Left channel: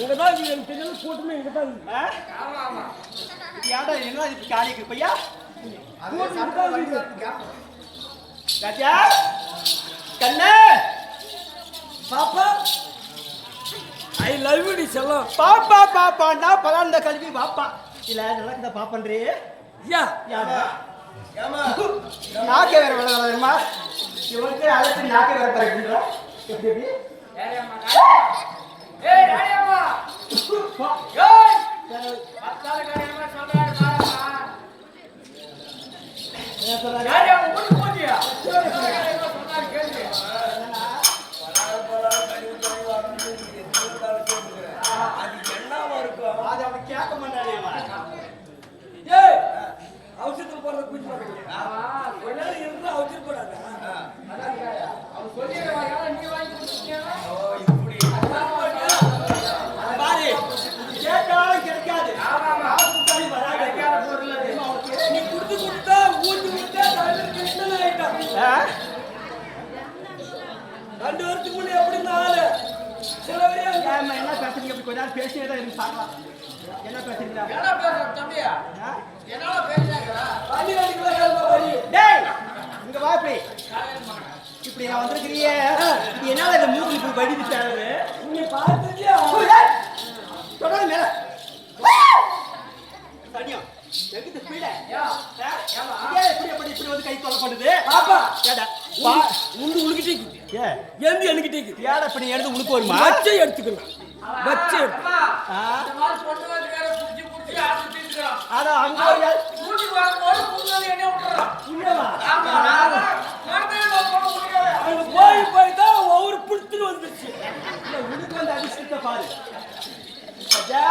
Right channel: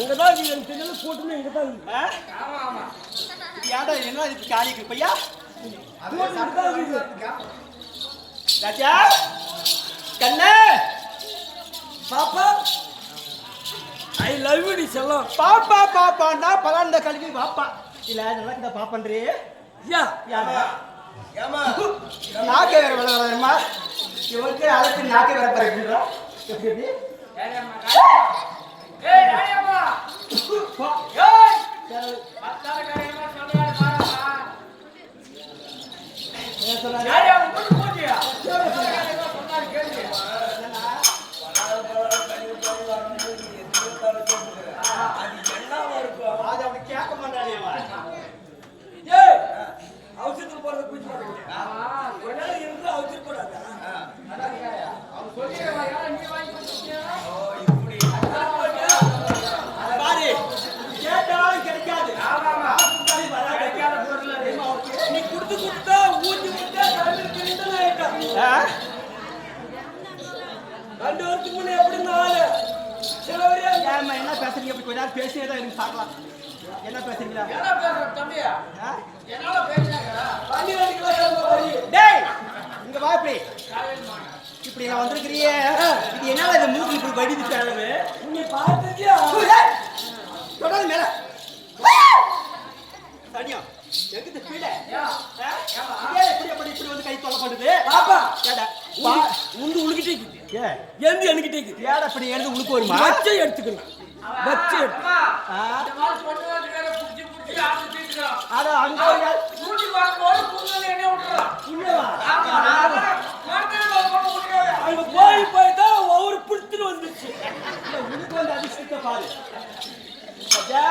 இங்கதான் நீ எனக்கு தெரியல கூட்டமே இங்கதான். ஆமா ஆமா. இது யாரா என்ன இது காலிக்கு பையா? அதே சட்டை வந்து கேப். ராஜா கண்ணே பாப்பா ஐ லவ் யூ டி செல்லம். பாப்பா பாப்பாண்டா பலாண்ட கழுவி பாப்பா. இல்ல நல்லா கிட்ட பாப்பன்றே. யா யாமா ஏமா நாக்கே வேற வளவளமா. இவனுக்கு அழைச்சு நாக்கே வேற பறக்குறா. எப்படி எப்படி? ஏரியம்மா ஏய் ராயம்மா ஏய் மத்தால காரியமா சொல்றாரு பாரம்மா. என்ன சொல்றாரு? ராயம்மா மூடி போடியா காரியமா சொன்னாரு கேளு. பலால் கழிவு கழிவு வந்து எதுக்கால கேக்குற அது என்னவா இருக்கும்? அது அப்படி கேட்க மாட்டானேமா. ஏய் அவசரத்துல போறத குடிச்சு பாருங்க. ஆமா கொஞ்ச நேரம் இருந்து அவசர போறாத. அதான் அவன் சொல்லிடுவான் யாரா நீ வாங்கி குடிச்சிட்டீனா? ஓ இப்படி பாரு கேட்டாலும் கிடைக்காது. ஆமா ஆமா அவசரத்தாலே வராது. கிடைக்காத பொருள் அது. நீ குடுத்து குடுத்தா ஊஞ்சி விட்டா தலைவர் கிட்ட ஆயிட்டான். 2 வருஷத்துக்கு முன்ன எப்படி நாலு சிலவரே என்ன பேசுறீங்க? இப்படி கொஞ்ச நேரம் பேசியே தான் இருந்து பார்க்கலாம். என்ன பேசுறீங்க? என்ன பேசுற தம்பியா? என்னால பேசுறாங்க. வண்டி வண்டி டேய் இங்க வா இப்படி. இப்படி நான் வந்திருக்கிறியே இது என்னால இந்த மூக்கு இப்படி வடிவு தேவை. நீ பார்த்துட்டியா? தொடர்ந்து மேல தனியா எங்கிட்ட ஸ்பீட இப்படி வந்து கை தொலைப்படுது. பாப்பா ஏடா உண்டு உழுகிட்டே இருக்குது. ஏ எந்த என்கிட்டே இருக்குது. ஏடா இப்படி எடுத்து உழுக்கு வருமா? வச்சை எடுத்துக்கலாம். வச்சை எடுத்து இந்த மாதிரி சொன்னது வேற புடிச்சு புடிச்சு ஆட்டி தீர்க்கறான். அட அங்க ஒரு யார் மூஞ்சி வாங்கும்போது புண்ணு என்ன விட்டுறான். புண்ணியவா? அங்க போய் தான் ஒவ்வொரு புடுத்துன்னு வந்துச்சு. இந்த உழுக்கு வந்து அதிர்ஷ்டத்தை பாரு. ராஜா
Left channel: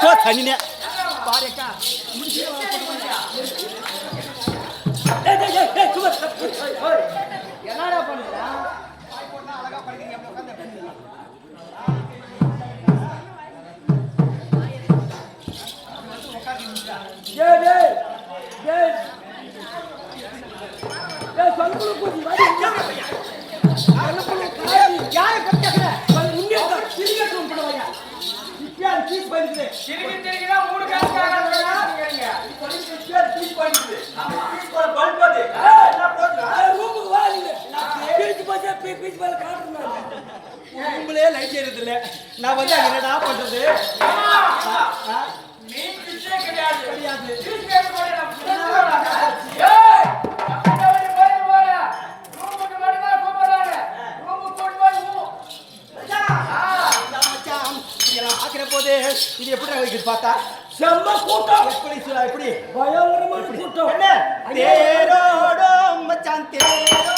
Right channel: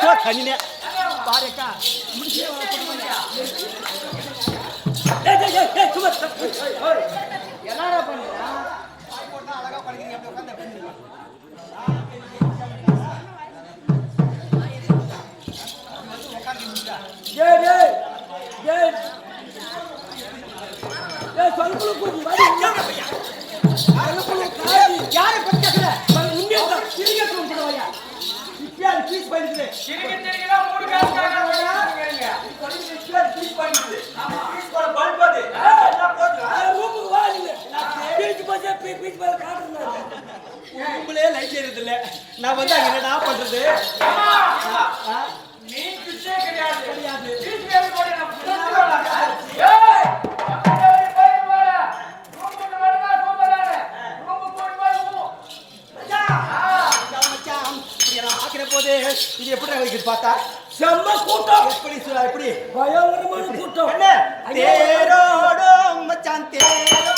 போ தனினே பாருக்கா என்னடா பண்றா? சிரிக்கி சிரிக்கிதா மூணு காசு காரணங்க. உங்களே லைட் ஏறது இல்ல. நான் வந்து அங்க என்னடா பண்றது? நீ பிச்சே கிடையாது. கிடையாது. பிச்சே போட நான் ஏய் அப்படி போய் போற. ரூமுக்கு வரவா கூப்பிடுறானே. ரூமுக்கு போய் ஊ. மச்சான் இதெல்லாம் பாக்குற போது இது எப்படி இருக்குது பார்த்தா? செம்ம கூட்டம். எப்படி சொல்ல எப்படி? பயங்கரமான கூட்டம். என்ன? தேரோடோ மச்சான் தேரோடோ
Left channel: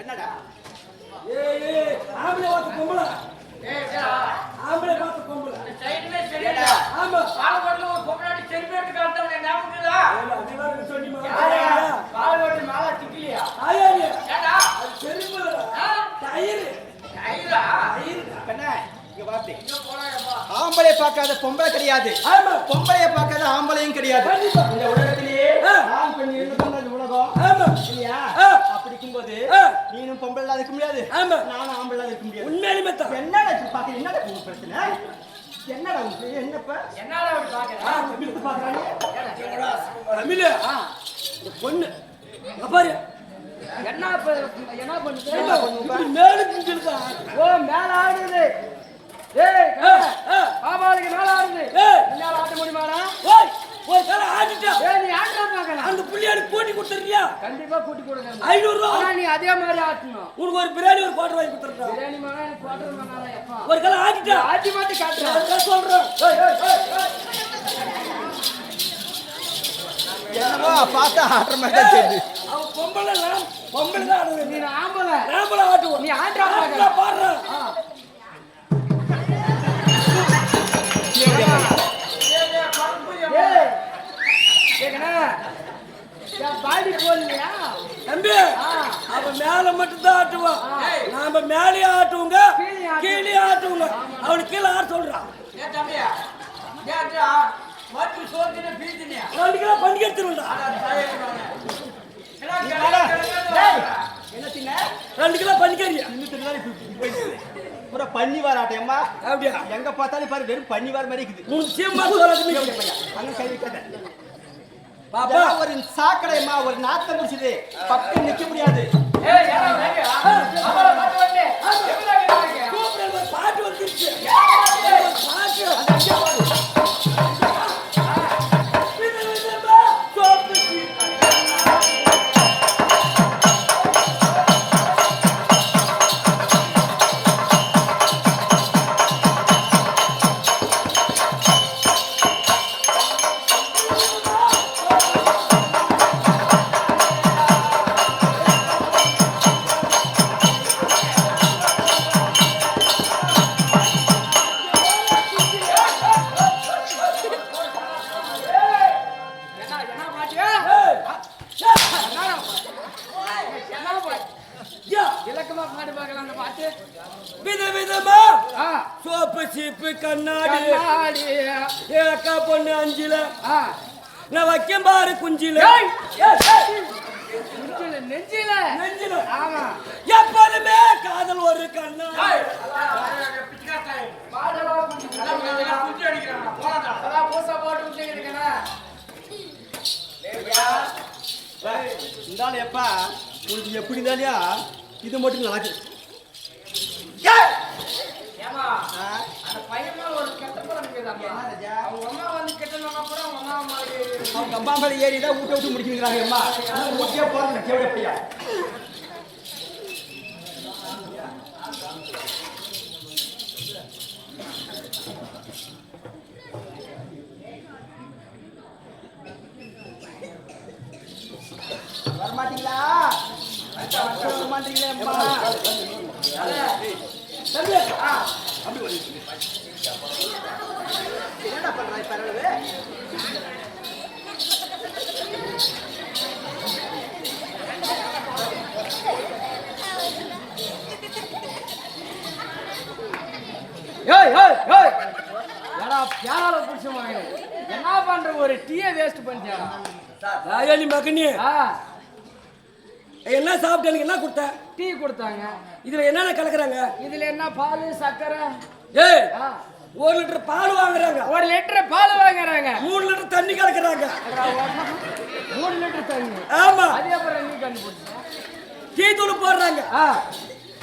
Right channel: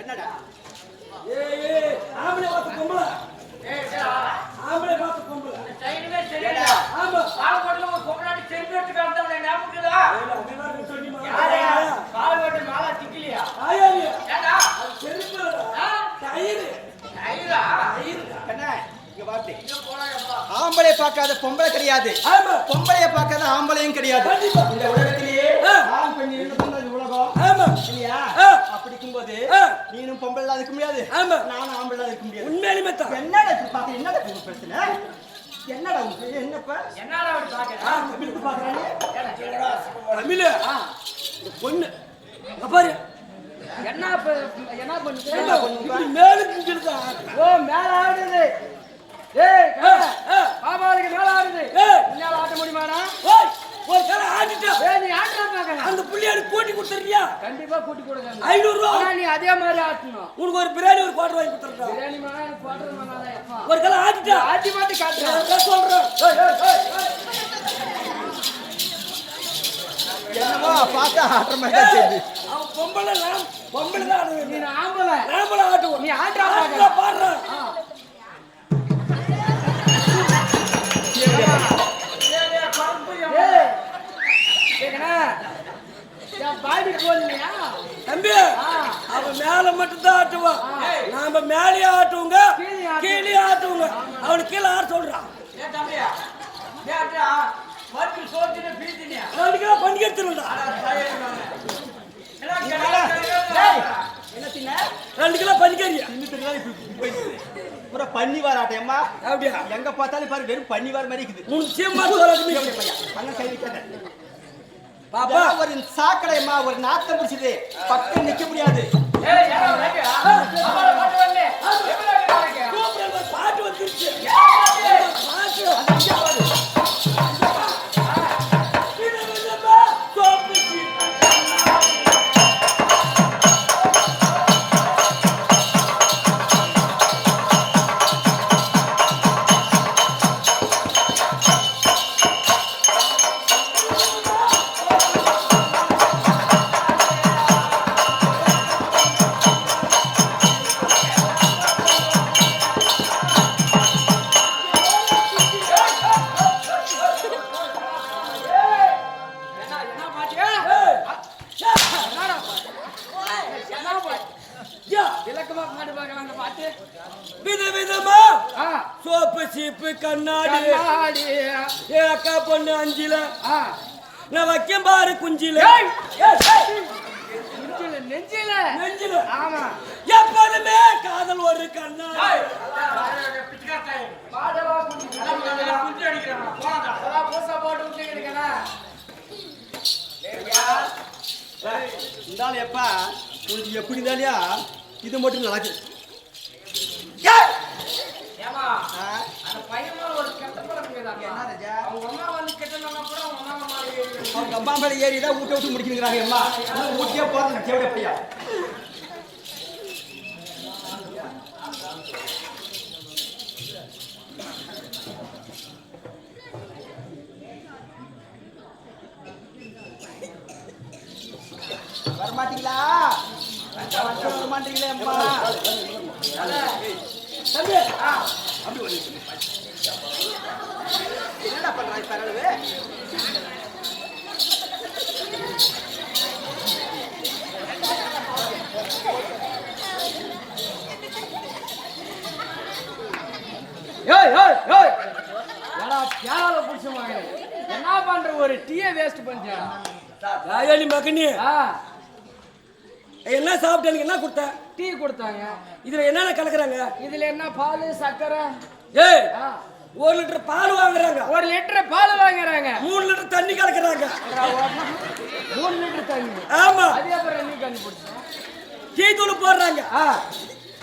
என்னடா? ஆம்பளை பார்த்த பொம்பளை. ஆம்பளை பார்த்த பொம்பளை. சைடுல சரிடா. ஆமா. பாலகோட்ல ஒரு பொம்பளாடி செல்ஃபி எடுத்து காமிட்டானே ஞாபகம்டா. அதெல்லாம் சொன்னீமா? பாலகோட்டு மாலா டிக்கலியா? ஆயா நீ. ஏடா? அது செருப்புடா. டயர். ஐயா. கண்ணா இங்க வாப்பி. இங்க போறாயப்பா. ஆம்பளை பார்க்காத பொம்பளை கிடையாது. ஆமா. பொம்பளைய பார்க்காத ஆம்பளையும் கிடையாது. கண்டிப்பா. இந்த உலகத்திலேயே ஆண் பெண் இருந்ததுதான் இந்த உலகம். ஆமா. இல்லையா? அப்படி இருக்கும்போது நீனும் பொம்பளை இல்லாத இருக்க முடியாது. ஆமா. நானும் ஆம்பளை இல்லாத இருக்க முடியாது. உண்மையிலுமே தான். என்னடா இப்படி பாக்க? என்னடா உங்களுக்கு பிரச்சனை? என்னடா உங்களுக்கு என்னப்ப? என்னடா அப்படி பாக்குற? எப்படி பாக்குறானே? தமிழ். இந்த பொண்ணு இங்க பாரு. என்ன பண்ணுது? என்ன பண்ணுங்க? மேலுக்கு இங்கிருக்கா. ஓ மேல ஆடுது. ஏய் பாபாளுக்கு மேல ஆடுது. என்னால ஆட்ட முடியுமாடா? ஓய் ஒரு கால ஆடிட்டா. ஏய் நீ ஆட்றா பார்க்கலாம். அந்த புள்ளியாடு கூட்டி கொடுத்துறியா? கண்டிப்பா கூட்டி கொடுங்க. 500 ரூபாய். ஆனா நீ அதே மாதிரி ஆட்டணும். உனக்கு ஒரு பிரியாணி ஒரு குவாட்டர் வாங்கி கொடுத்துறேன். பிரியாணி மானா எனக்கு குவாட்டர் மானாடா எப்பா. ஒரு கால ஆடிட்டா. ஆட்டி மாட்டி காட்டுறா. நான் சொல்றேன். ஏய் ஏய் ஏய் என்னமோ பார்த்தா ஆடுற மாதிரி தான் தெரியுது. அவன் பொம்பளை பொம்பளை தான் ஆடுறது. நீ ஆம்பளை நாமள ஆட்டுவோம். நீ ஆட்றா ஆடுறா, பாடுறா. பாடி போடலையா தம்பி அவன் மேல மட்டும் தான் ஆட்டுவான். நாம மேலே ஆட்டுவோங்க, கீழே ஆட்டுவோங்க. அவனுக்கு கீழே ஆட சொல்றான். பண்ணி எடுத்துருவா. 2 கிலோ 2 கிலோ பண்ணிக்கறியா பூரா பன்னிவார் ஆட்டையம்மா. அப்படியா? எங்க பார்த்தாலும் பாரு வெறும் பன்னிவார் மாதிரி இருக்குது. உன் சீமா சொல்றது பையன் அங்க கை வைக்காத. பாப்பா ஒரு சாக்கடையம்மா, ஒரு நாத்தம் பிடிச்சது பக்கம் நிக்க முடியாது. பாட்டு வந்துருச்சு. இலக்கமா பாட்டு பார்க்கலாம் அந்த பாட்டு. விதவிதமா சோப்பு சீப்பு கண்ணாடி அக்கா பொண்ணு 5 நான் வைக்கம் பாரு குஞ்சில நெஞ்சில நெஞ்சில. ஆமா எப்போதுமே காதல் ஒரு கண்ணாடி. போட்டு விட்டுருக்கேன். இருந்தாலும் எப்பா உங்களுக்கு எப்படி இருந்தாலியா இது மட்டும் நடக்கு. ஏமா அந்த பையன் மேல ஒரு கெட்ட பழம் இருக்குதாமா. அவங்க அம்மா வந்து கெட்டனா கூட அவங்க அம்மா மாதிரி அவங்க அம்மா மேல ஏறிதான் ஊட்ட விட்டு முடிச்சுக்கிறாங்க. அம்மா ஊட்டியே போறது கேட்க பையா. வரமாட்டீங்களா? வரமாட்டீங்களா? தம்பி என்ன பண்றாரு? என்ன பண்ற ஒரு டீயை வேஸ்ட் பண்ணியா மகனே? என்ன சாப்பிட்டு எனக்கு என்ன கொடுத்த? டீ கொடுத்தாங்க. இதுல என்னென்ன கலக்குறாங்க? இதுல என்ன பால் சக்கரை? ஏய் 1 லிட்டர் பால் வாங்குறாங்க. 1 லிட்டர் பால் வாங்குறாங்க. 3 லிட்டர் தண்ணி கலக்குறாங்க. 3 லிட்டர் தண்ணி. ஆமா. அதே அப்புறம் நீ கண்டுபிடிச்ச. டீ தூள் போடுறாங்க.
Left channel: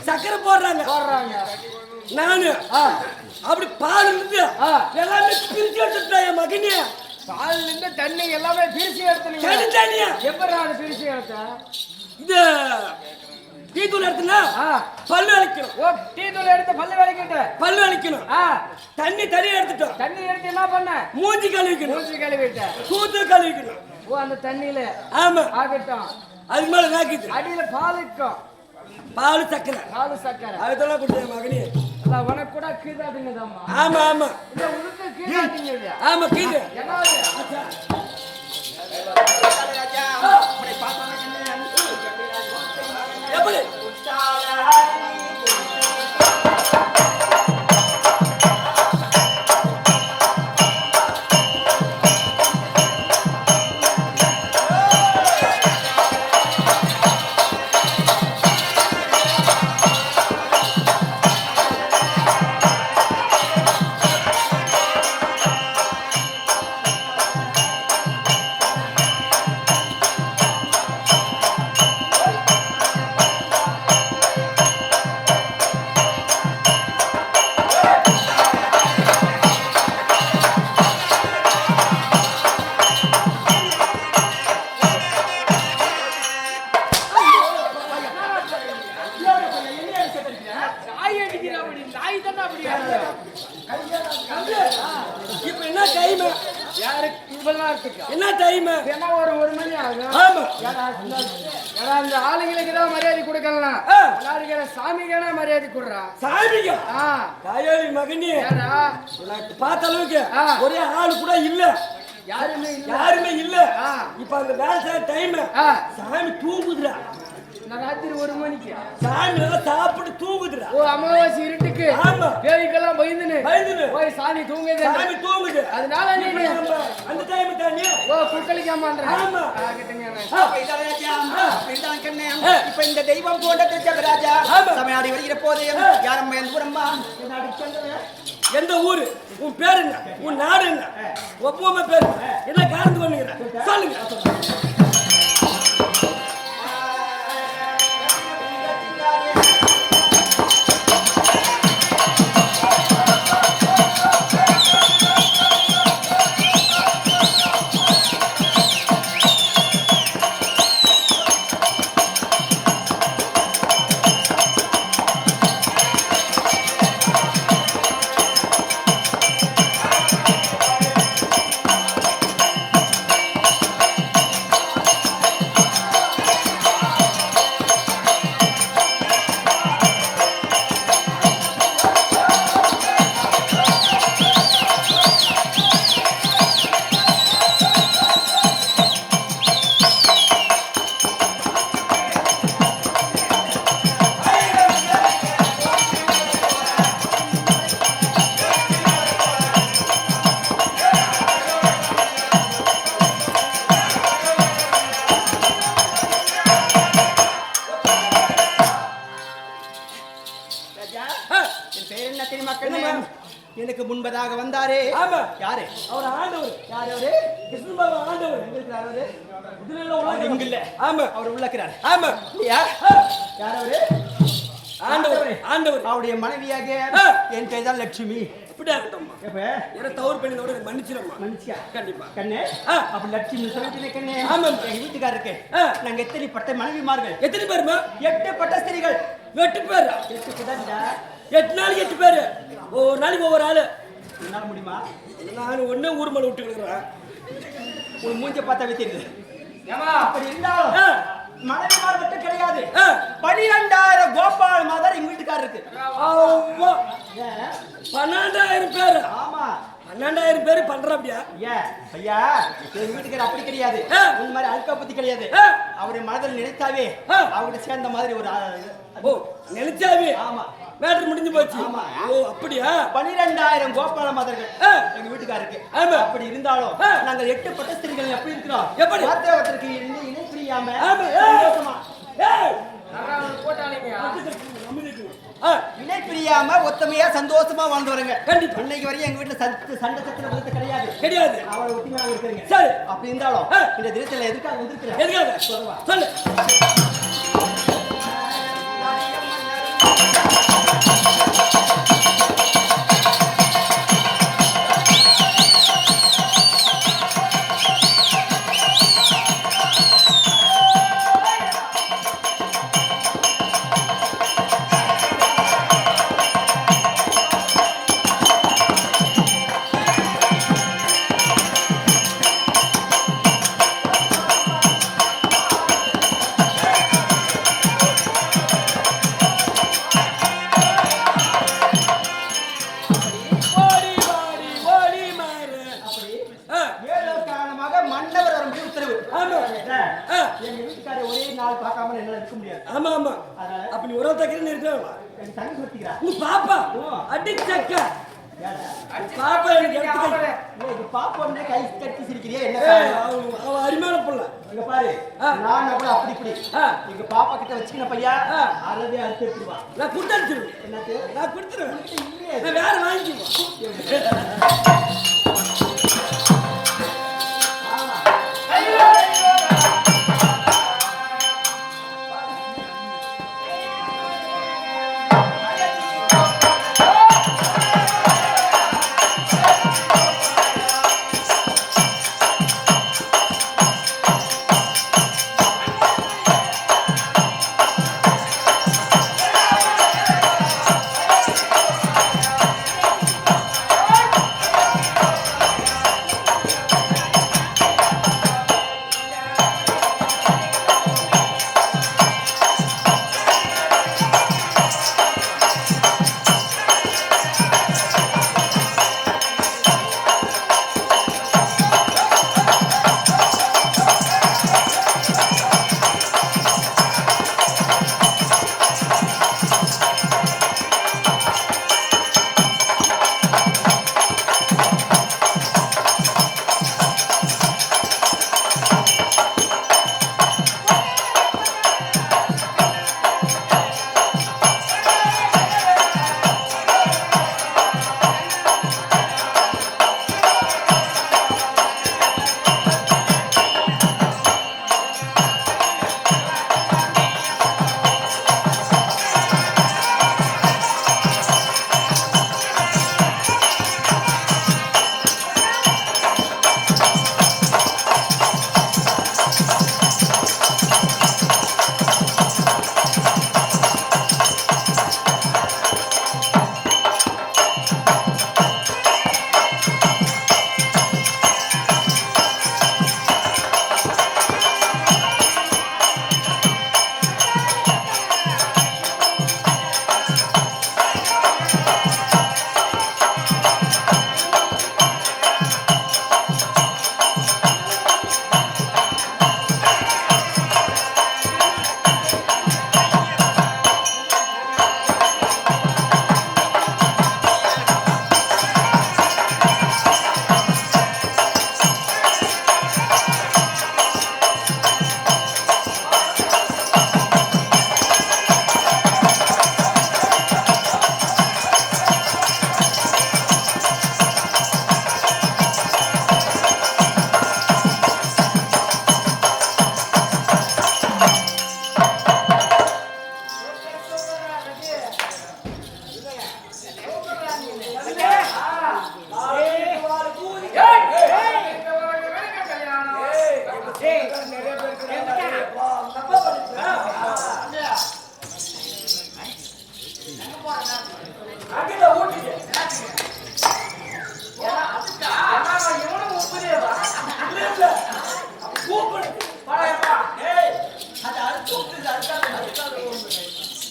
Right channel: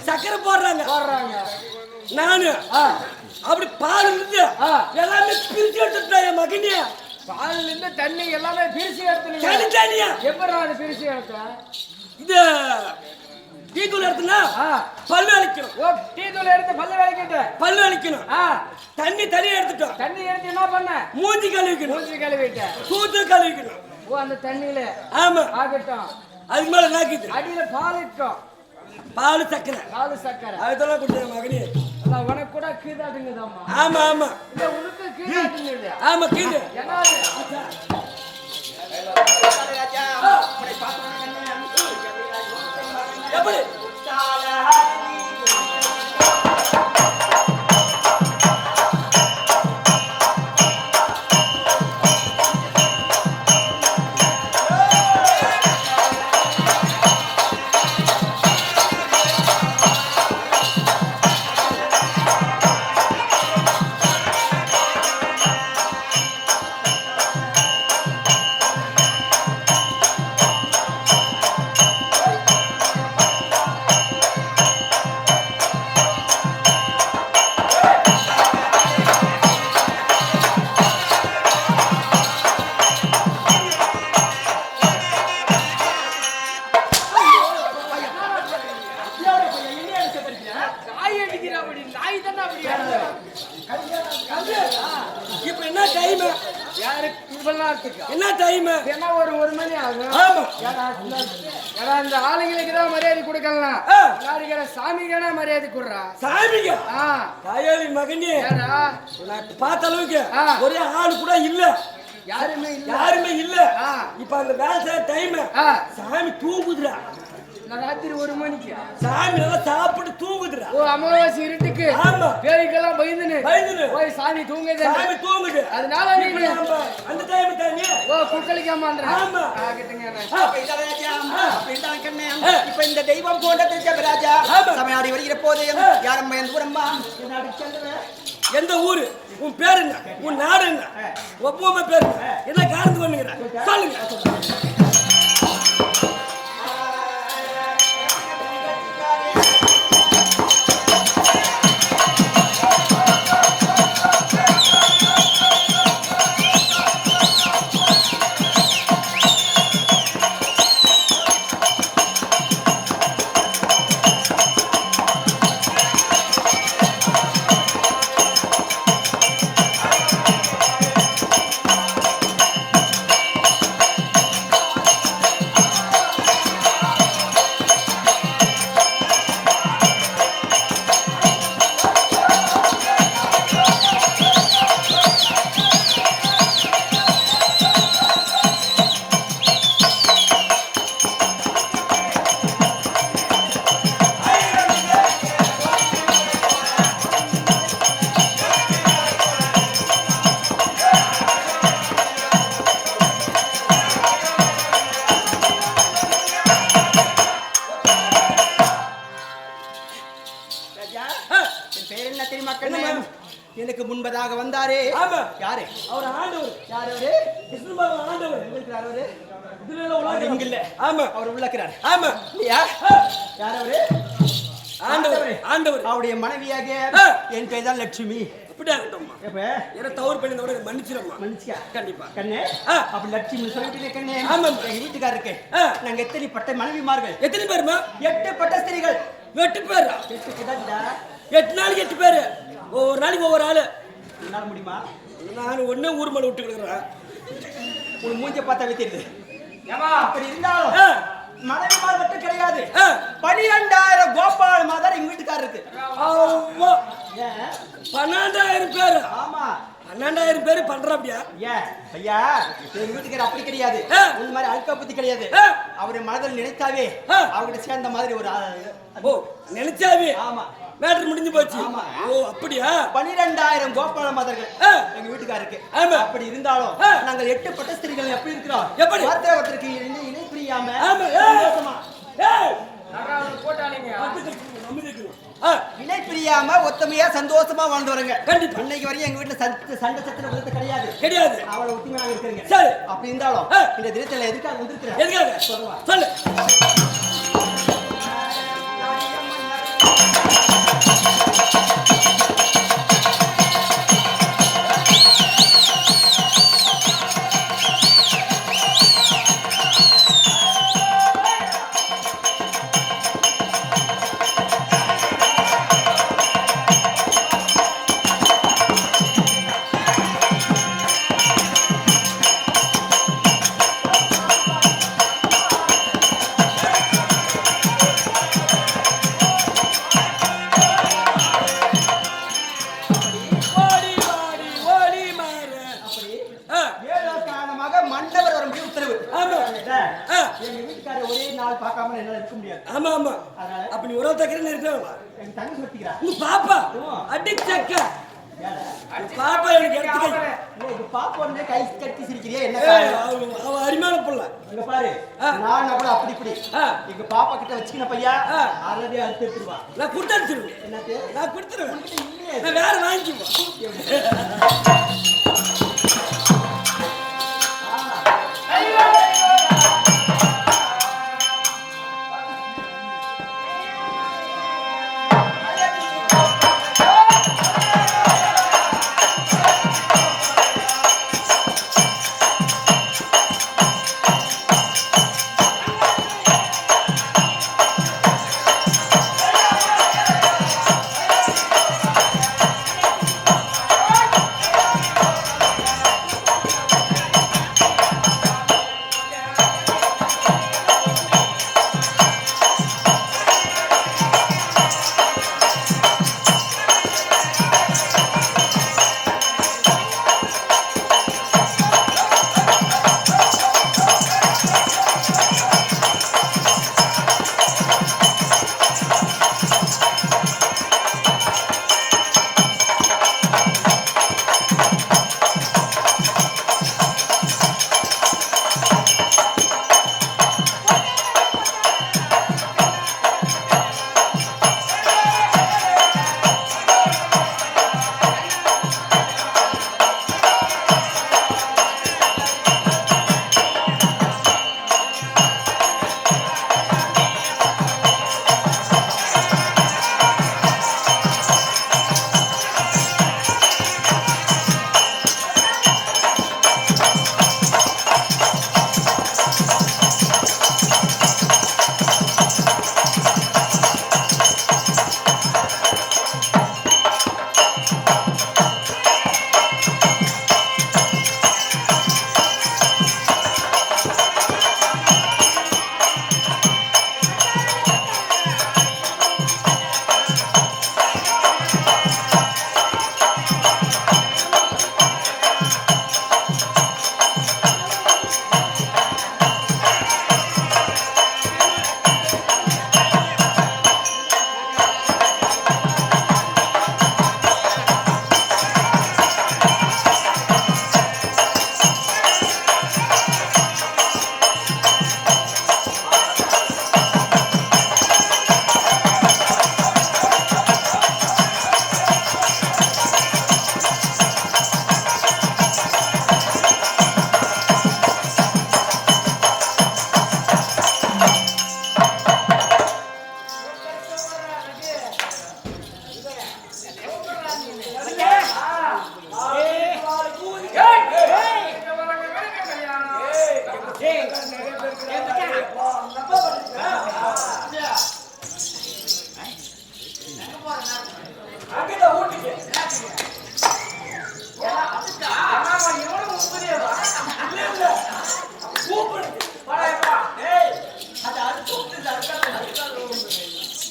சக்கரை போடுறாங்க. நானு அப்படி பால் இருந்து எல்லாமே பிரிச்சு எடுத்துட்டேன் என் மகனே. பால்ல இருந்து தண்ணி எல்லாமே பிரிச்சு எடுத்துனீங்க. தனியா எப்படி நான் பிரிச்சு எடுத்தேன்? இது டீ தூள் எடுத்துனா பல்லு வலிக்கணும். ஓ டீ தூள் எடுத்து பல்லு வலிக்கிட்டு பல்லு வலிக்கணும். தண்ணி தனியா எடுத்துட்டோம். தண்ணி எடுத்து என்ன பண்ண? மூஞ்சி கழுவிக்கணும். மூஞ்சி கழுவிட்ட. சூத்து கழுவிக்கணும். ஓ அந்த தண்ணியில ஆமா ஆகட்டும். அதுக்கு மேல நாக்கிது அடியில பால் இருக்கும். பால் சக்கரை. பால் சக்கரை அதெல்லாம் குடிச்ச மகனே. அதான் உனக்கு கூட கீதாட்டுங்கதாம்மா. ஆமா ஆமா இல்ல உனக்கு கீதாட்டுங்க. ஆமா கீது. என்னது? எப்படி? பண்ணாதுக்கு என்ன டைம்? என்ன ஒரு மணி ஆகும். ஆமா. ஏன்னா அந்த ஆளுங்களுக்கு தான் மரியாதை கொடுக்கலாம். விளையாடுகிற சாமிக்கான மரியாதை கொடுறா. சாமிங்க தாயோவி மகனே நான் பார்த்த அளவுக்கு ஒரே ஆள் கூட இல்ல. யாருமே இல்ல. இப்ப அந்த வேலை செய்ய டைம் சாமி தூங்குதுடா. ராத்திரி 1 மணிக்கு சாமி நல்லா சாப்பிட்டு தூங்குதுடா. ஓ அமாவாசை இருட்டுக்கு. ஆமா. பேய்க்கெல்லாம் பயந்துன்னு ஓய் சாமி தூங்குது. சாமி தூங்குது. அதனால நீங்க அந்த டைம் தானே ஓ குக்கலிக்காமன்ற. ஆமா. அப்ப இந்த தெய்வம் போன்ற ராஜா சமையாடி வருகிற போது யாரம்மா எந்த ஊரம்மா எந்த ஊரு? உன் பேர் என்ன? உன் நாடு என்ன? ஒவ்வொரு பேர் என்ன காரணம் பண்ணுகிறேன் சொல்லுங்க. எனக்கு முன்பதாக வந்தாரே யாரு? அவர் ஆண்டவர். யாரு அவரு? கிருஷ்ண பகவான் ஆண்டவர். இருக்கிறார் அவரு. இதுல உலகம் இல்ல. ஆமா அவர் உள்ளக்கிறார். ஆமா. யார் அவரு? ஆண்டவர். அவருடைய மனைவியாக என் பேர் தான் லட்சுமி. அப்படியே இருக்கட்டும்மா. எப்ப ஒரு தவறு பண்ணினோட மன்னிச்சிரம்மா. மன்னிச்சியா? கண்டிப்பா. கண்ணே அப்ப லட்சுமி சொல்லிட்டீங்க கண்ணே. ஆமா. எங்க வீட்டுக்காரருக்கு நாங்க எத்தனை பட்ட மனைவிமார்கள்? எத்தனை பேருமா? 8 பட்ட ஸ்திரீகள். 8 பேர். 8 பட்டா 8 நாளைக்கு 8 பேர். ஒவ்வொரு நாளைக்கு ஒவ்வொரு ஆளு. என்னால முடியுமா? நான் ஒண்ணே ஊர் மேல விட்டு இருக்கிறேன். ஒரு மூஞ்ச பார்த்தா வித்திருது. ஏமா அப்படி இருந்தாலும் மனைவிமார் மட்டும் கிடையாது. 12,000 கோபால் மாதர் எங்க வீட்டுக்காரருக்கு. ஆமா. 12,000 பேர். ஆமா 12,000 பேர் பண்றாப்டியா? ஐயா எங்க வீட்டுக்காரர் அப்படி கிடையாது. இந்த மாதிரி அல்கா பத்தி கிடையாது. அவரு மனதில் நினைத்தாவே அவரோட சேர்ந்த மாதிரி ஒரு ஓ நினைச்சாவே. ஆமா மேட்டர் முடிஞ்சு போச்சு. ஆமா. ஓ அப்படியா? 12,000 கோபால மாதர்கள் எங்க வீட்டுக்காருக்கு. ஆமா. அப்படி இருந்தாலும் நாங்கள் 8 பட்ட ஸ்திரீகள் எப்படி இருக்கிறோம்? எப்படி? ஒருத்தருக்கு இணை புரியாம ஆமா. ஏய் அவரு போட்டாலீங்க. இணை பிரியாம ஒத்துமையா சந்தோஷமா வாழ்ந்தவருங்க. கண்டிப்பா. இன்னைக்கு வரையும் எங்க வீட்டுல சண்டை சத்திர விழுந்து கிடையாது. அவரை ஒத்துமையாக இருக்கிறீங்க. சரி. அப்படி இருந்தாலும் இந்த தினத்துல எதுக்காக வந்திருக்கிறேன்? எதுக்காக? சொல்லுவா. சொல்லு. மன்னவர் வரும்படி உத்தரவு. ஆமா. எங்க வீட்டுக்காரர் ஒரே நாள் பார்க்காம என்னால இருக்க முடியாது. ஆமா ஆமா. அதனால அப்ப நீ உறவு தக்கறன்னு இருக்கறவா? என் தண்ணி சுத்திக்கிறா. உங்க பாப்பா அடிச்சக்க. பாப்பா எனக்கு எடுத்துக்க. இது பாப்போன்னு கை தட்டி சிரிக்கிறியா என்ன காரணம்? அவ அரிமான புள்ள. இங்க பாரு. நான் கூட அப்படி இப்படி. எங்க பாப்பா கிட்ட வச்சிக்கின பையா அரவே அறுத்து எடுத்துவா. நான் கொடுத்துறேன். என்னது? நான் கொடுத்துறேன். நான் வேற வாங்கிக்குவா.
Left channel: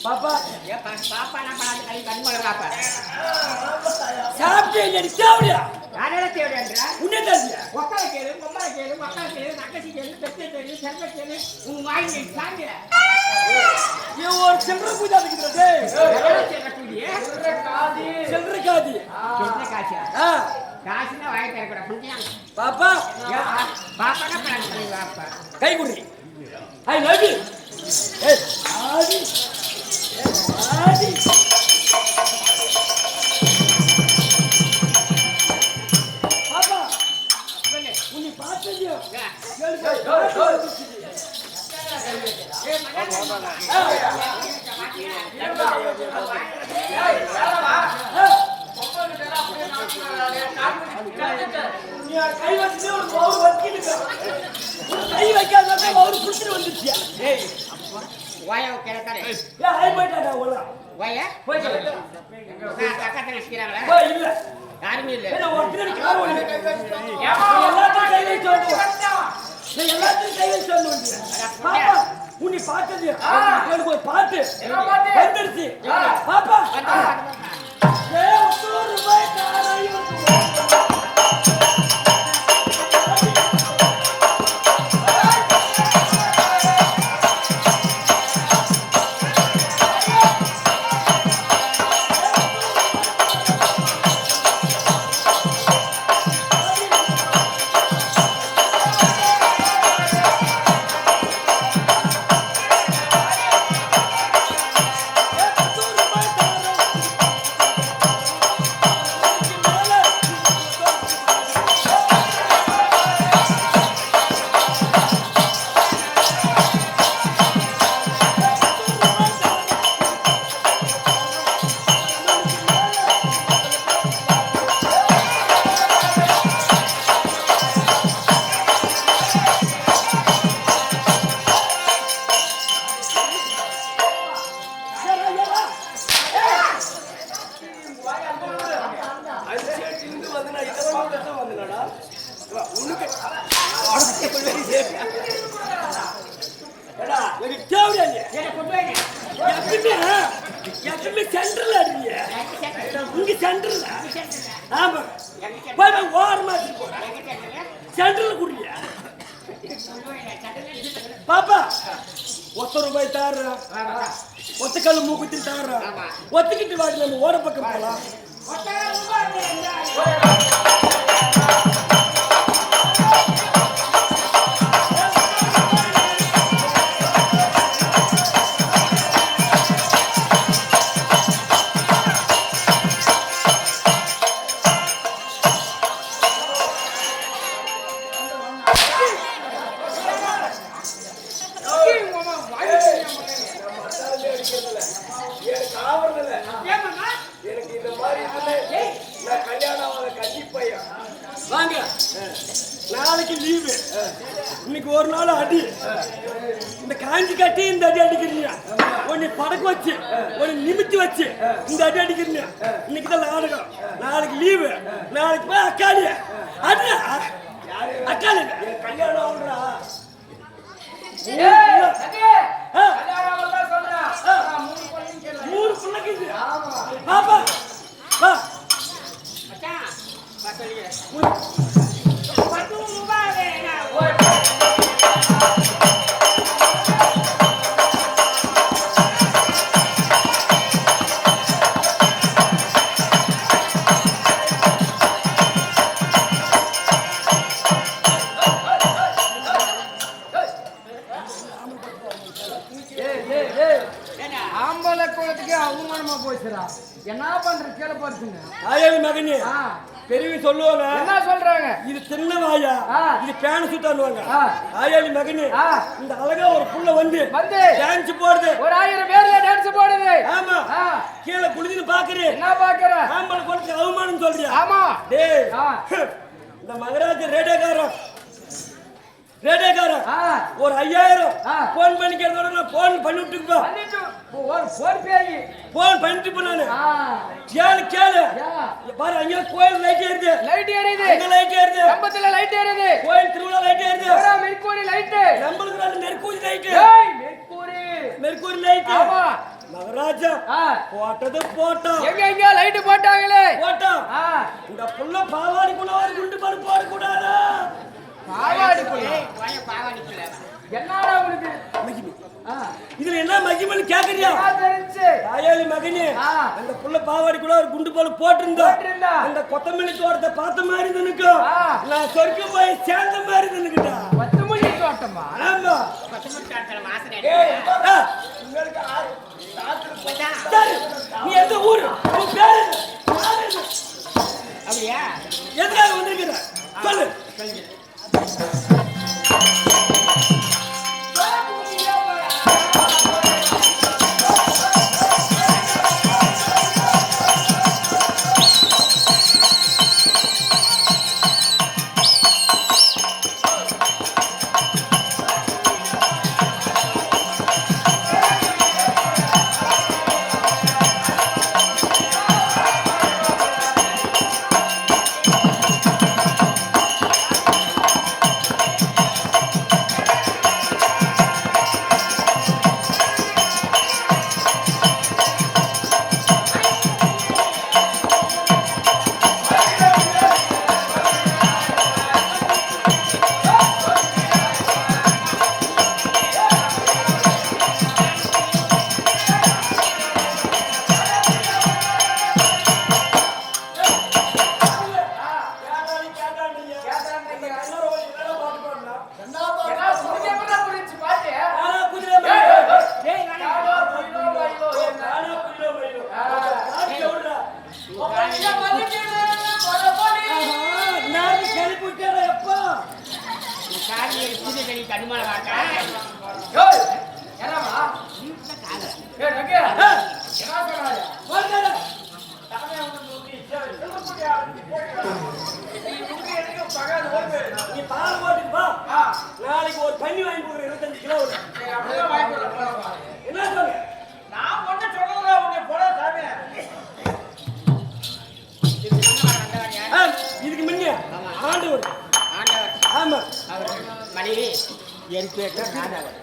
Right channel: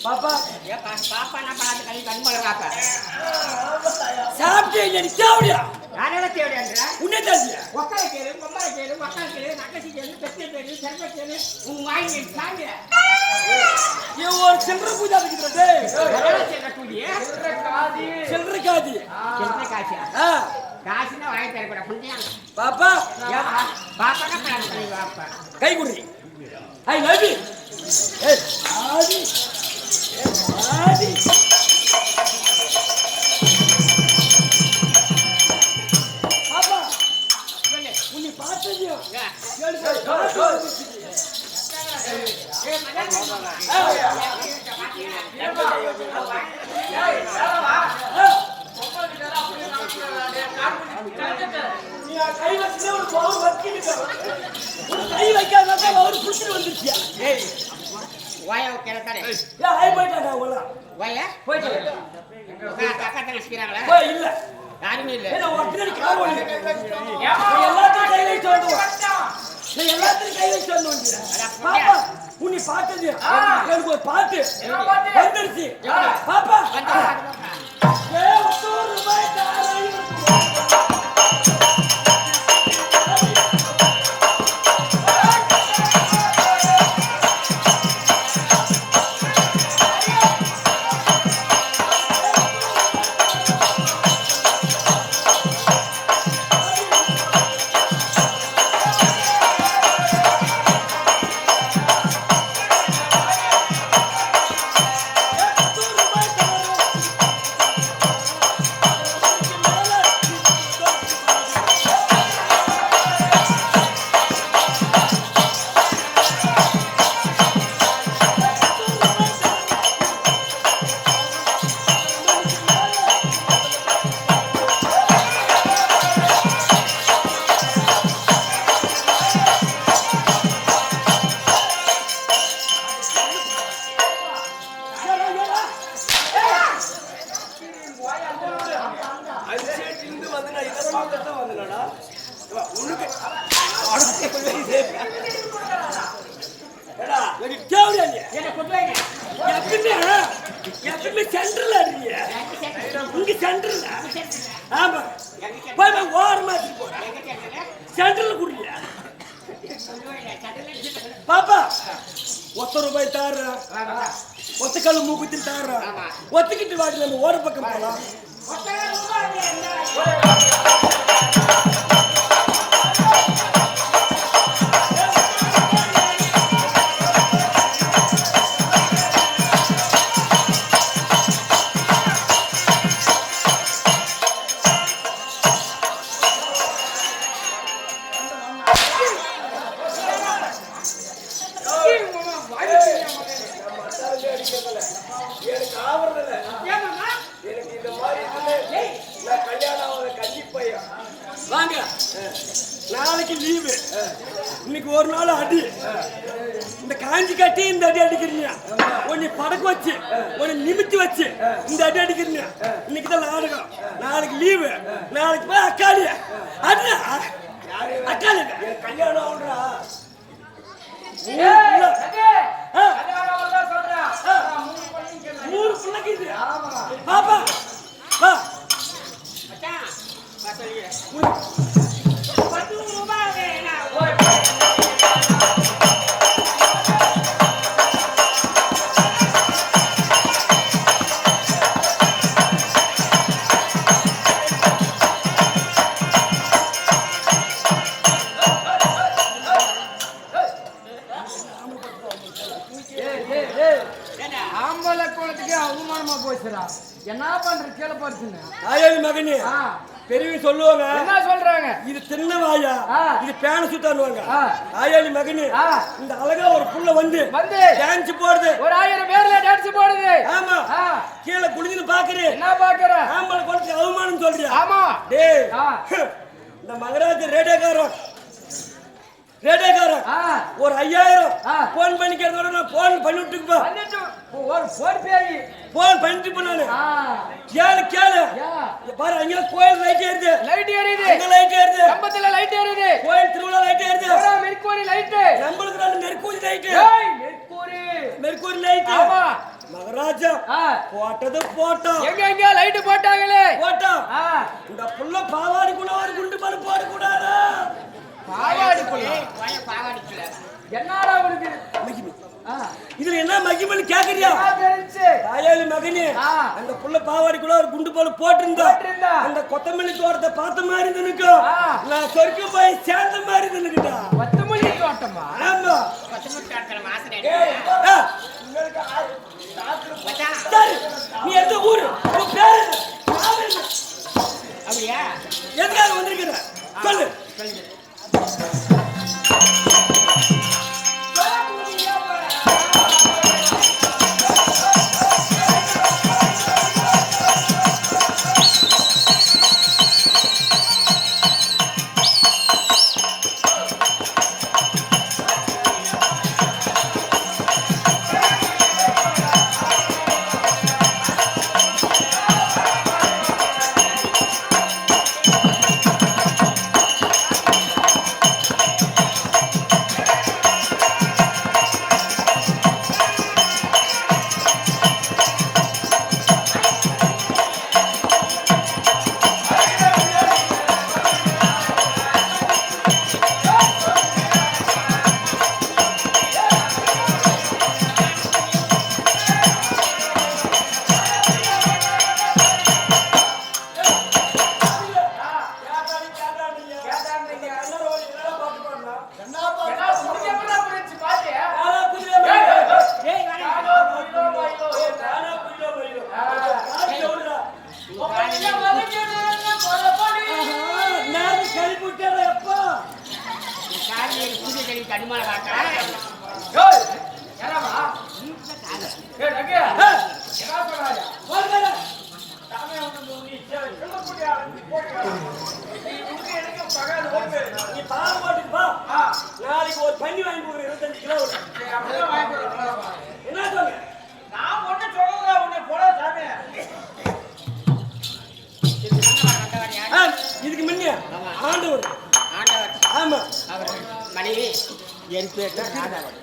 பாப்பா ஏப்பா பாப்பாலாம் பார்த்து கை கண்மலராப்பா சாப்பிட்டு அடிச்சாவியா யாரோட தேவையான்றா உன்னை தெரியா ஒக்கால கேளு பொம்மால கேளு மக்கா கேளு நக்கசி கேளு பெத்தை கேளு செல்வ கேளு உன் வாங்கி சாங்க இவன் ஒரு சில்லறை பூஜா இருக்கிறது யாரோட செல்ற கூடியே சில்லறை காதி செல்ற காசியா ஆ காசுனா வாங்கி தர கூட புடியாங்க பாப்பா ஏப்பா பாப்பானா பிளான் பண்ணி வாப்பா கை குடி ஐ லவ் யூ ஏய் ஆதி ஆதி பாப்பா உன்னை பார்த்ததியோ கை வச்சு ஒரு பவுர் வச்சிட்டு கை வைக்காத பவுர் புடிச்சிட்டு வந்துருச்சியா வாயா கேளத்தாரே ஏன் ஹை போயிட்டாடா உள்ள வாயா போயிட்டு அக்கா தங்கச்சிக்கிறாங்களா போய் இல்ல யாருமே இல்ல ஏன்னா ஒருத்தர் கார் ஓடுது எல்லாத்தையும் கை வச்சு வந்து எல்லாத்தையும் கை வச்சு வந்து பாப்பா உன்னை பார்த்தது எனக்கு ஒரு பாட்டு வந்துருச்சு பாப்பா ரூபாய் சென்ட்ரல் அடிங்க இங்க சென்ட்ரல் ஆமா போய் ஓரமா சென்ட்ரல் குடிங்க பாப்பா ₹1 தாரு ஒத்தக்கல் மூக்குத்தி தாரு ஒத்துக்கிட்டு வாடி நம்ம ஓர பக்கம் போலாம் எனக்கு ஆவறதில்ல எனக்கு இந்த மாதிரி நான் கல்யாணம் ஆகாத கன்னி பையன் வாங்க நாளைக்கு லீவு இன்னைக்கு ஒரு நாள் அடி இந்த காஞ்சி கட்டி இந்த அடி அடிக்கிறீங்க உன்னை படக்கு வச்சு உன்னை நிமித்தி வச்சு இந்த அடி அடிக்கிறீங்க இன்னைக்கு தான் நாடகம் நாளைக்கு லீவு நாளைக்கு போய் அக்காளி அடி அக்காளி கல்யாணம் ஆகுறா மூணு பிள்ளைக்கு பாப்பா ஆம்பளை குளத்துக்கு அவமானமா போச்சுடா என்ன பண்ற கீழே படுத்துங்க ஆயாவி மகனே பெரிய சொல்லுவாங்க என்ன சொல்றாங்க இது சின்ன வாயா இது பேன சுத்தானுவாங்க ஆயாவி மகனே இந்த அழகா ஒரு புள்ள வந்து டான்ஸ் போடுது ஒரு 1000 பேர்ல டான்ஸ் போடுது ஆமா கீழே குளிந்து பாக்குறேன் என்ன பாக்குற ஆம்பளை குளத்துக்கு அவமானம் சொல்றியா ஆமா டேய் இந்த மகராஜ ரேடியோக்காரன் ஒரு 5000 போன் பண்ணிக்கிறத போன் பண்ணிட்டு போன் பண்ணிட்டு போனானு கேளு பாரு அங்க கோயில் லைட் எரியுது லைட் எரியுது கம்பத்துல லைட் எரியுது கோயில் திருவிழா லைட் எரியுது மெர்க்குரி லைட் நம்மளுக்கு மெர்க்குரி லைட் மெர்க்குரி லைட் ஆமா மகராஜா போட்டது போட்டோம். எங்க லைட் போட்டாங்களே போட்டோம். இந்த புள்ள பாவாடிக்குள்ள ஒரு குண்டு பலு போடக்கூடாதா? பாவாடிக்குள்ள என்னடா உனக்கு இதுல என்ன மகிமன்னு கேக்குறியா? தெரிஞ்சு தாயாளி மகனே, அந்த புள்ள பாவாடிக்குள்ள ஒரு குண்டு பலு போட்டிருந்தா அந்த கொத்தமல்லி தோட்டத்தை பார்த்த மாதிரி நினைக்கும். நான் சொர்க்கம் போய் சேர்ந்த மாதிரி நினைக்கிட்டா. கொத்தமல்லி தோட்டமா? ஆமா. சரி, நீ எந்த ஊரு? உன் பேரு அப்படியா? எதுக்காக வந்திருக்கிற சொல்லு. நாளைக்கு ஒரு பண்ணி வாங்கி கொடுக்குறேன் 25 கிலோ. என்ன சொல்லுங்க? நான் ஒண்ணு சொல்றேன், உன்னை போட சாமி. இதுக்கு முன்ன ஆண்டவர். ஆமா, மனைவி என் பேர் தான் ராதாவன்.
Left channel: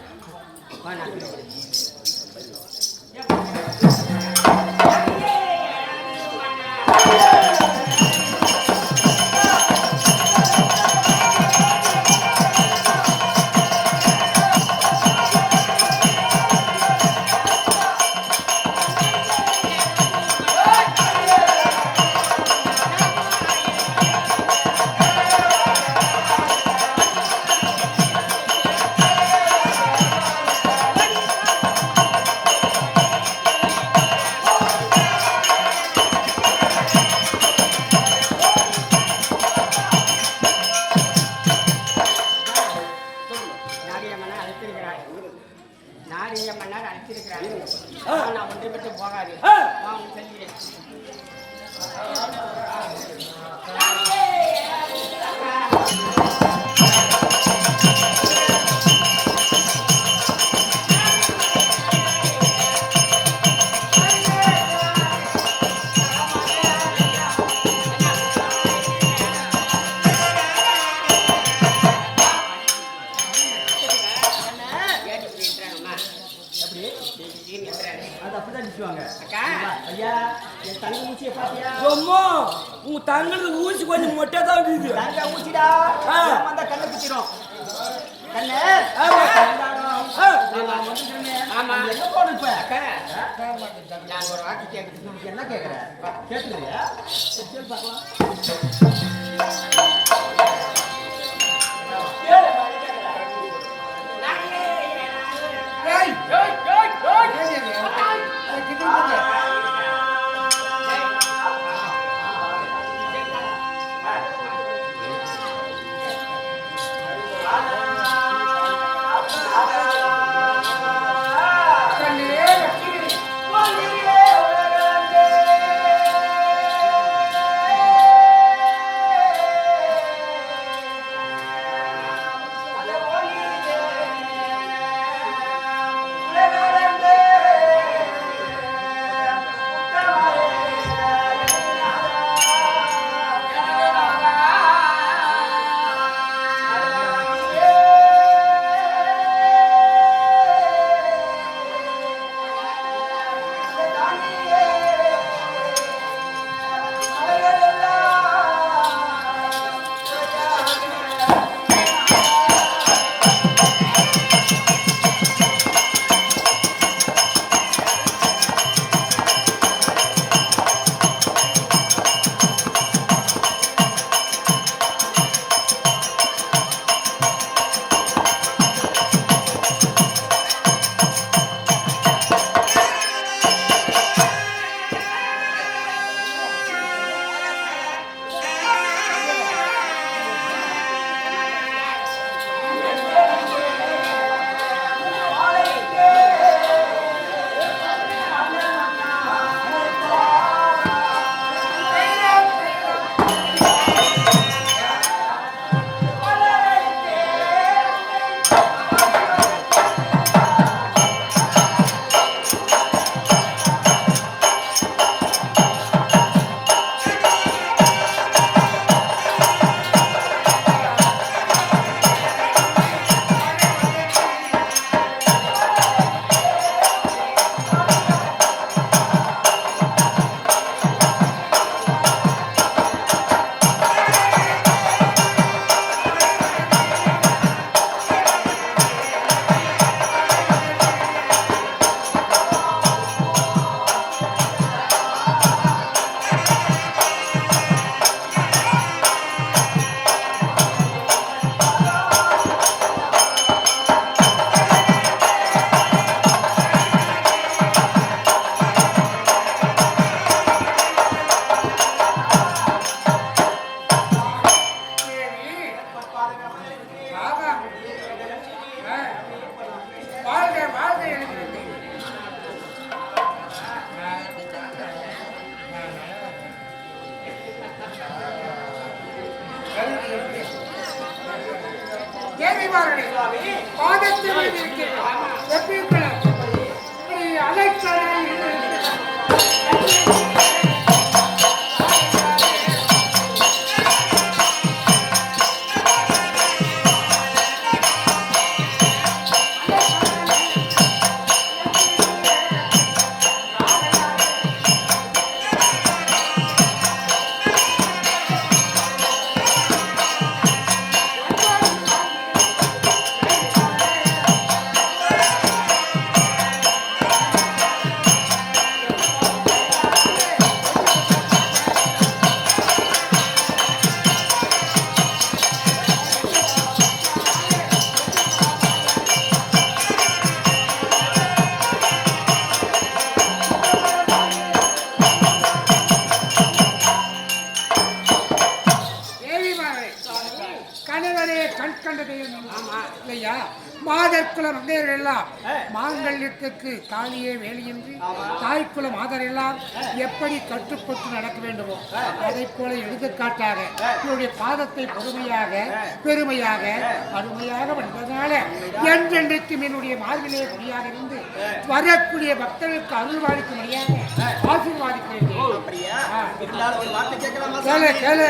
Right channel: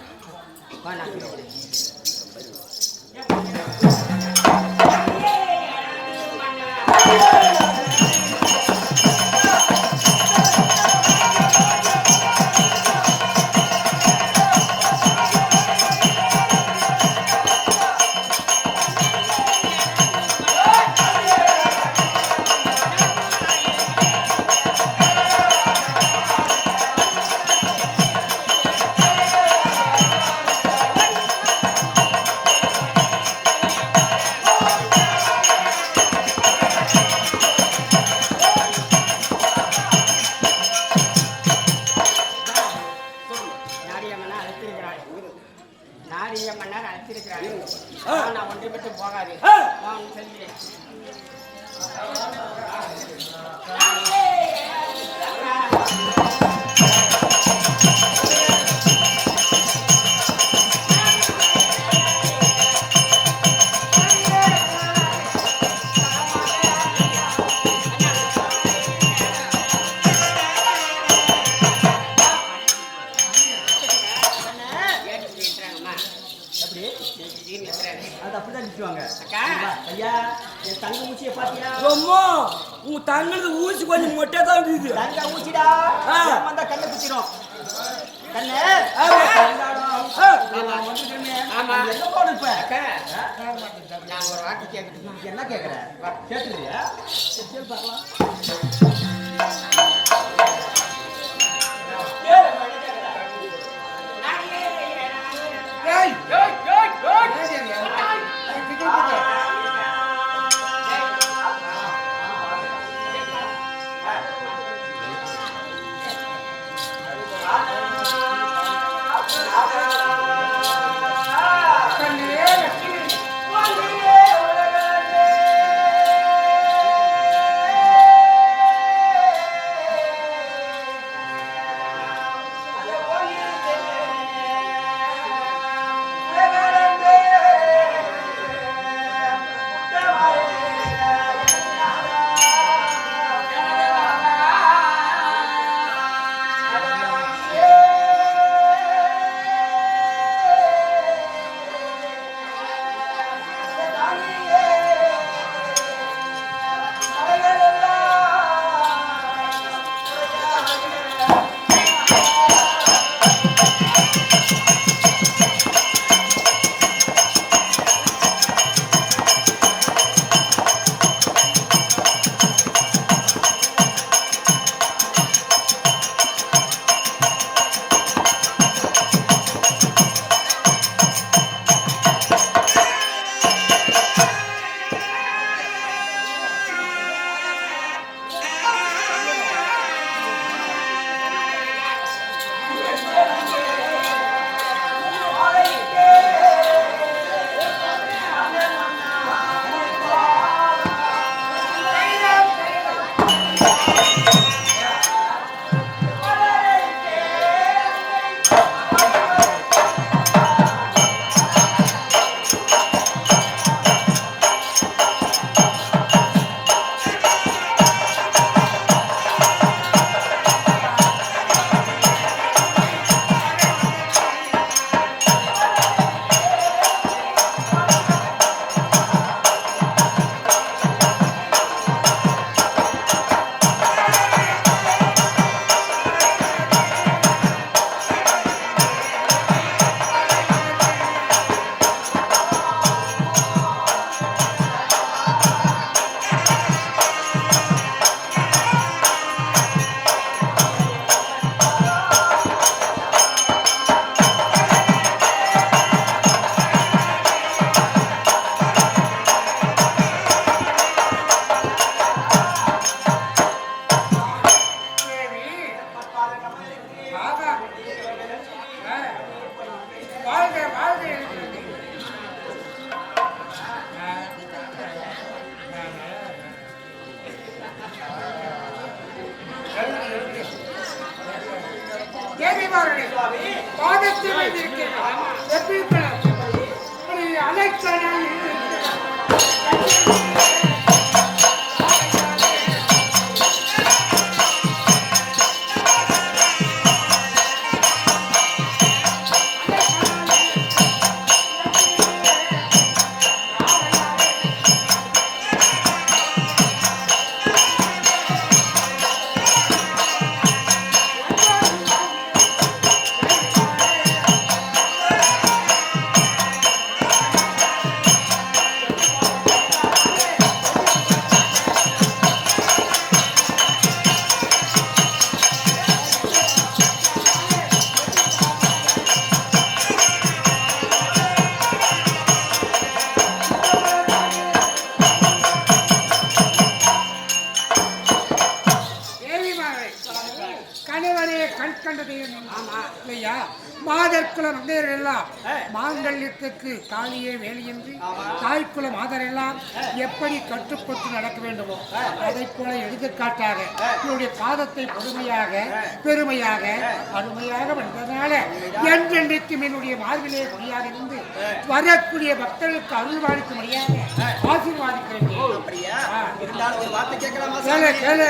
நான் ஒன்றை மட்டும் போகாது செல்கிறேன். உங்க தங்கிறது ஊசி கொஞ்சம் மொட்டை தான் இருக்குது. தங்க ஊசிடா வந்தா கண்ணு குத்திரும். கண்ணு எங்க போன இப்ப நான் ஒரு வாக்கு கேட்க என்ன கேட்கிறேன் கேட்கலையா? பார்க்கலாம். தேவிமார்களே, பாதத்தில் மீது இருக்கிறேன். எப்படி இருக்கிறேன்? இப்படி அலைக்கடல் கணவனே கண் கண்ட தெய்வம். ஆமா இல்லையா? மாதற்குல மங்கையர்கள் எல்லாம் மாங்கல்யத்துக்கு தாலியே வேலையின்றி தாய்க்குலம் ஆதரெல்லாம் எப்படி கட்டுப்பட்டு நடக்க வேண்டுமோ அதை போல எடுத்துக்காட்டாக என்னுடைய பாதத்தை பெருமையாக அருமையாக வந்ததால என்றென்றைக்கும் என்னுடைய மார்பிலே கொடியாக இருந்து வரக்கூடிய பக்தர்களுக்கு அருள்வாளிக்கும்படியாக ஆசீர்வாதிக்கிறேன். கேளு